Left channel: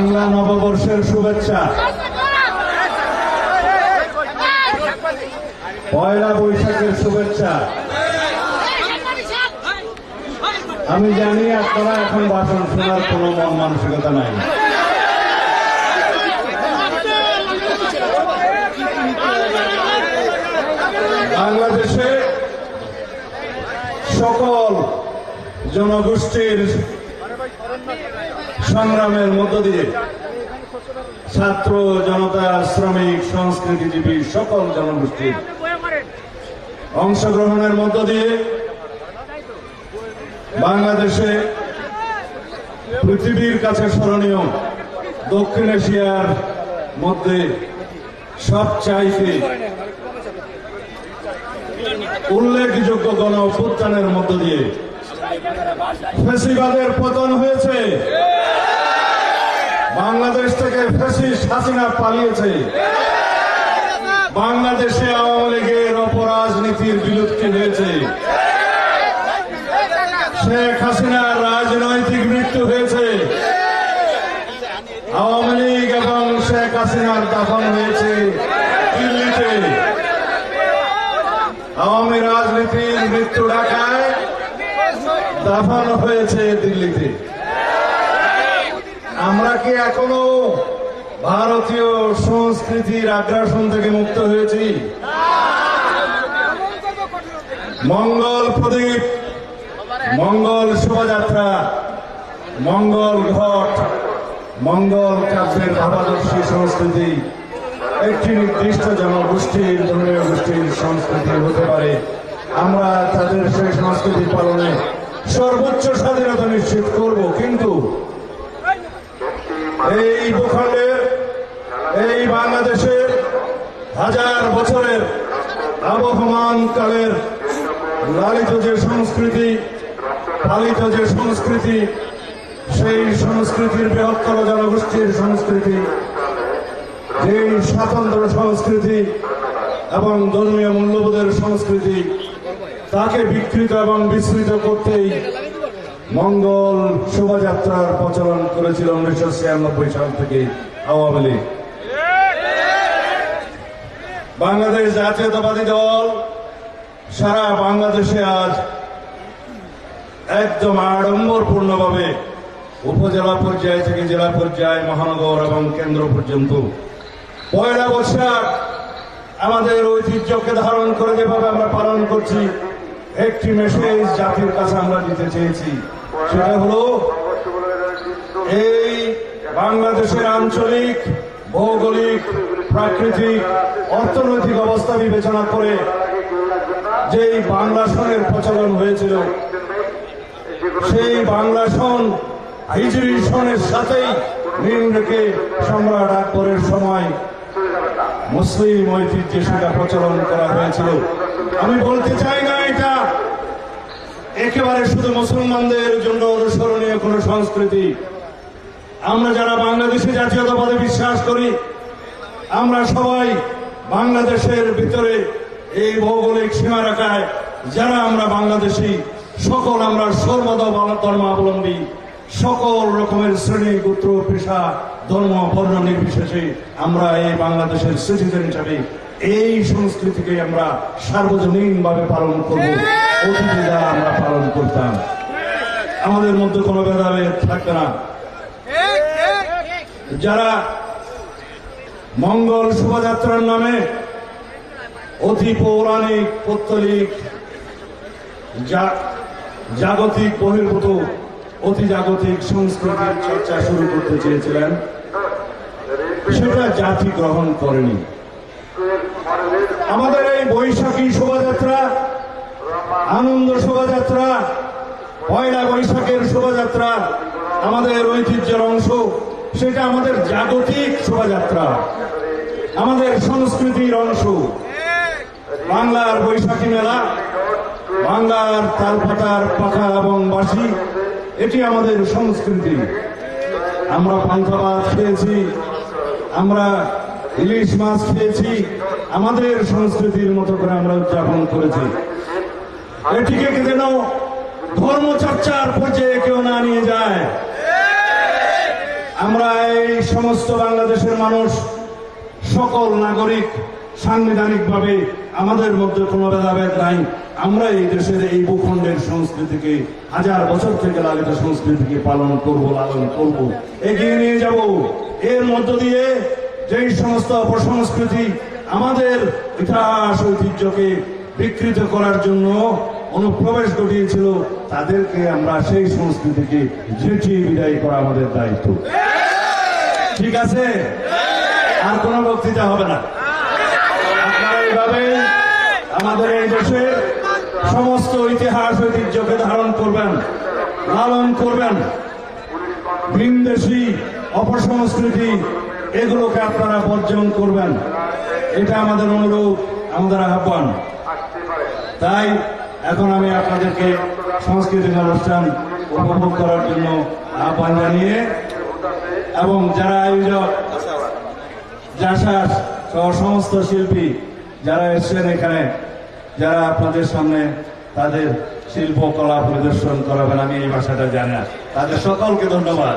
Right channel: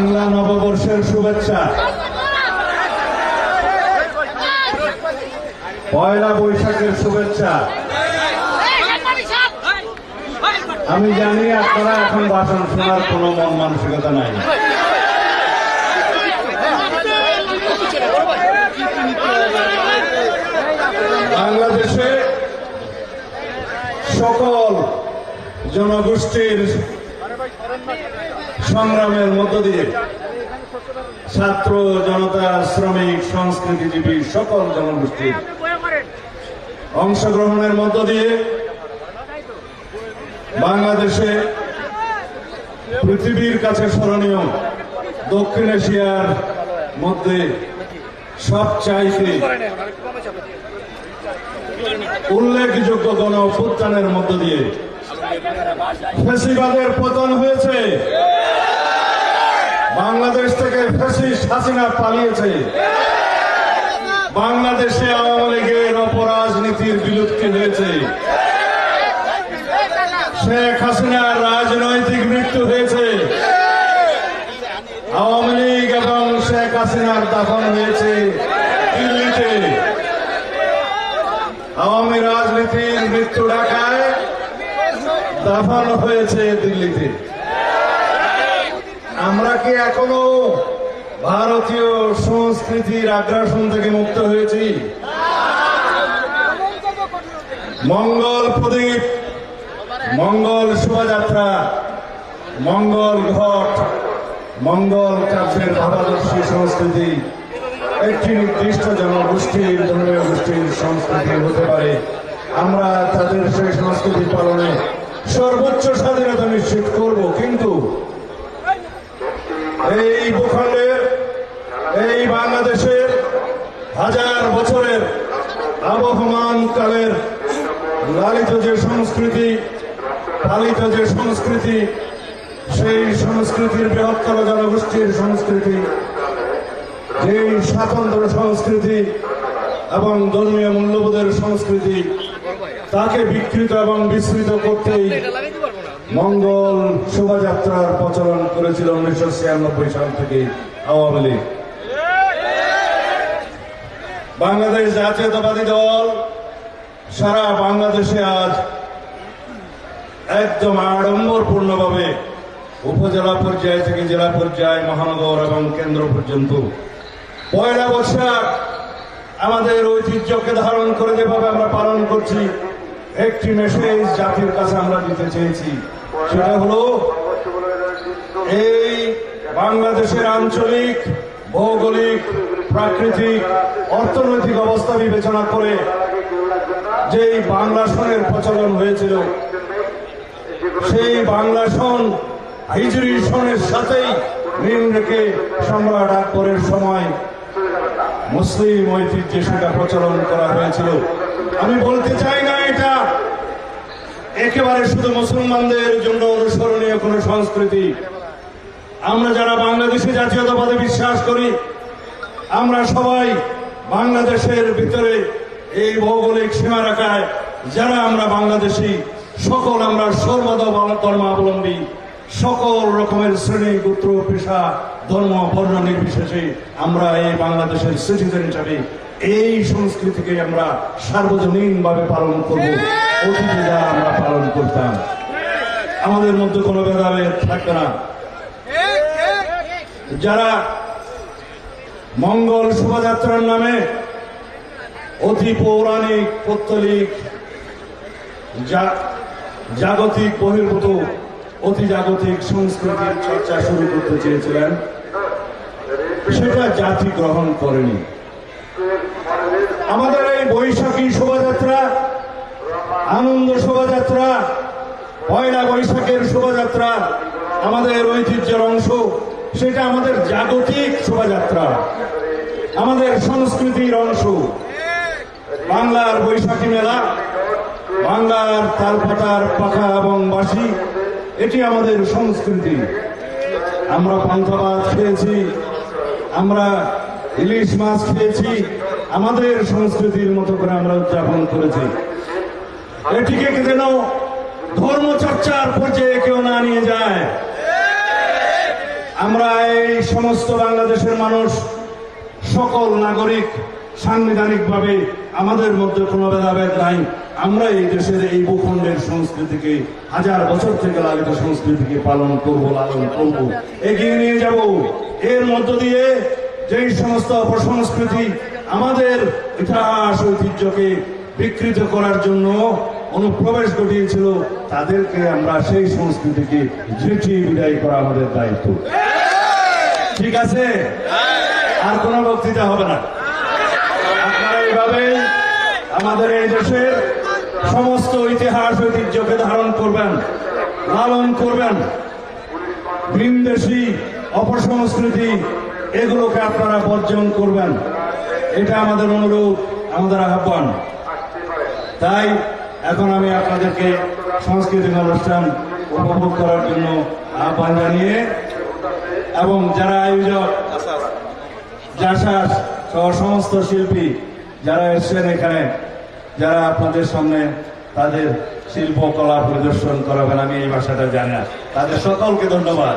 বাংলা নববর্ষের শুভেচ্ছা। পয়লা বৈশাখের শুভেচ্ছা। আমি জানি আপনারা এখন ভাষণ শোনার কোন মন মানসিকতা নাই। বাংলাদেশে সকল জনগোষ্ঠীর সংগ্রামের মধ্য দিয়ে ছাত্র জনতা শ্রমিক সংস্কৃতিজীবী সকল জনগোষ্ঠীর অংশগ্রহণের মধ্য দিয়ে বাংলাদেশে পৃথিবীর কাছে স্মরণীয় দক্ষিণ এশিয়ার মধ্যে সবচাইতে উল্লেখযোগ্য গণ অভ্যুত্থানের মধ্য দিয়ে ফ্যাসিবাদের পতন হয়েছে। বাংলাদেশ থেকে ফ্যাসিস্ট হাসিনা পালিয়েছে। বাংলাদেশে আওয়ামী লীগের অপরাজনীতির বিলুপ্তি হয়েছে। শেখ হাসিনার রাজনৈতিক মৃত্যু হয়েছে। আওয়ামী লীগ এবং শেখ হাসিনার দাফন হয়েছে দিল্লিতে। আওয়ামী রাজনীতির মৃত্যু ঢাকায়, দাফন হয়েছে দিল্লিতে। আমরা কি এখনো ভারতীয় সংস্কৃতির আগ্রাসন থেকে মুক্ত হয়েছি? মঙ্গল প্রদীপ, মঙ্গল শোভাযাত্রা, মঙ্গল ঘট, মঙ্গল কাব্যের ভাবাদর্শী সংস্কৃতি একটি নির্দিষ্ট জনগোষ্ঠীর ধর্মীয় গোষ্ঠীর সংস্কৃতি হতে পারে। আমরা তাদের সেই সংস্কৃতি পালনে সর্বোচ্চ স্বাধীনতা নিশ্চিত করব, কিন্তু এই ভূখণ্ডের, এই বাংলাদেশের হাজার বছরের আবহমান কালের লালিত যে সংস্কৃতি, পালিত যে সংস্কৃতি, সেই সংস্কৃতির বৃহত্তর জনগোষ্ঠীর সংস্কৃতি, যেই স্বাতন্ত্র্য সংস্কৃতি এবং ধর্মীয় মূল্যবোধের সংস্কৃতি, তাকে বিকৃত এবং বিস্মৃত করতেই মঙ্গল শোভাযাত্রার প্রচলন করেছিল 1996 সাল থেকে আওয়ামী লীগ। বাংলাদেশ জাতীয়তাবাদী দল সারা বাংলাদেশে আজ একদম আড়ম্বরপূর্ণভাবে উপজেলা পর্যায় থেকে জেলা পর্যায়, মহানগর এবং কেন্দ্র পর্যন্ত পয়লা বৈশাখ আমাদের ঐতিহ্যকে ধারণ করে যেভাবে আমরা পালন করছি, একটি মেসেজ জাতির কাছে আমরা দিতে চেয়েছি। সেটা হলো, এই বাংলাদেশের আঞ্চলিক, ভৌগোলিক, প্রাকৃতিক, অর্থনৈতিক অবস্থা বিবেচনা করে যেই বাংলা সনের প্রচলন হয়েছিল, সেই বাংলা সন হিজরি সনের সাথেই মিল রেখে সম্রাট আকবরের সময় মুসলিম ঐতিহ্যে সেটা প্রচলন করা হয়েছিল। আমি বলতে চাই না এটা একেবারে শুধু মুসলমানদের জন্য অনুসরণীয় কোন সংস্কৃতি। আমরা যারা বাংলাদেশে জাতীয়তাবাদে বিশ্বাস করি, আমরা সবাই বাংলাদেশের ভিতরে এই ভৌগোলিক সীমারেখায় যারা আমরা বাংলাদেশি, সকল আমরা সর্বধর্মাবলম্বী, সকল রকমের শ্রেণী, গোত্র, পেশা, ধর্ম, বর্ণ নির্বিশেষে আমরা এই বাংলাদেশের সিটিজেন হিসাবে এই সংস্কৃতিকে আমরা সার্বজনীনভাবে পালন করব। অতীতে যা আমরা পালন করতাম, আমাদের মধ্যে কোনো ভেদাভেদ থাকবে না। যারা মঙ্গল শোভাযাত্রার নামে অতি পৌরাণিক, পৌত্তলিক, জাগতিক বহির্ভূত, অতি জাগতিক সংস্কৃতির চর্চা শুরু করতে চেয়েছিলেন, সেটা জাতি গ্রহণ করেনি। আমাদের এই বৈশাখী শোভাযাত্রা, আনন্দ শোভাযাত্রা, পয়লা বৈশাখের শোভাযাত্রা আমাদের ঐতিহ্যের অংশ। সেটা আমাদের জাগতিক শোভাযাত্রা, আমাদের সংস্কৃতির অংশ। বাংলার বৈশাখী মেলা, বাংলার তালপাতার পাখা এবং বাঁশি, এটি আমাদের সংস্কৃতি। আমরা পান্তা ভাত খেয়েছি, আমরা ইলিশ মাছ খেয়েছি, আমাদের সংস্কৃতির মতো করে আমরা উদযাপন করেছি। এটিকে যেন ধর্মচর্চার পর্যায়ে কেউ না নিয়ে যায়। আমরা এই সমস্ত বাংলাদেশের মানুষ, সকল নাগরিক সাংবিধানিকভাবে আমাদের মধ্যে কোনো ভেদাভেদ নাই। আমরা এই দেশের এই ভূখণ্ডের সংস্কৃতিকে, হাজার বছর থেকে লালিত সংস্কৃতিকে পালন করব, লালন করব, এগিয়ে নিয়ে যাব। এর মধ্য দিয়ে যেই সমস্ত অপসংস্কৃতি আমাদের ইতিহাস ঐতিহ্যকে বিকৃত করার জন্য অনুপ্রবেশ ঘটিয়েছিল, তাদেরকে আমরা সেই সংস্কৃতিকে ঝেঁটিয়ে বিদায় করা আমাদের দায়িত্ব। ঠিক আছে? আর কোন বক্তৃতা হবে না। আপনারা এইভাবে আমাদের এই দেশের সমস্ত ইতিহাস ঐতিহ্যকে ধারণ করবেন, লালন করবেন। ভিনদেশী অপসংস্কৃতি এগুলোকে আপনারা বর্জন করবেন, এটা আমাদের অনুরোধ, আমাদের আহ্বান। তাই এখন আমি আপনাদেরকে সাংস্কৃতিক অনুষ্ঠান উপভোগ করার জন্য আহ্বান জানিয়ে, এবং যারা আয়োজক, জাসাস সহ সমস্ত শিল্পী যারা এসছেন এখানে, যারা আপনাদের সামনে তাদের শিল্পকলা প্রদর্শন করাবেন, আমি এই ভাষাটা জানি না, তাদের সকলকে ধন্যবাদ।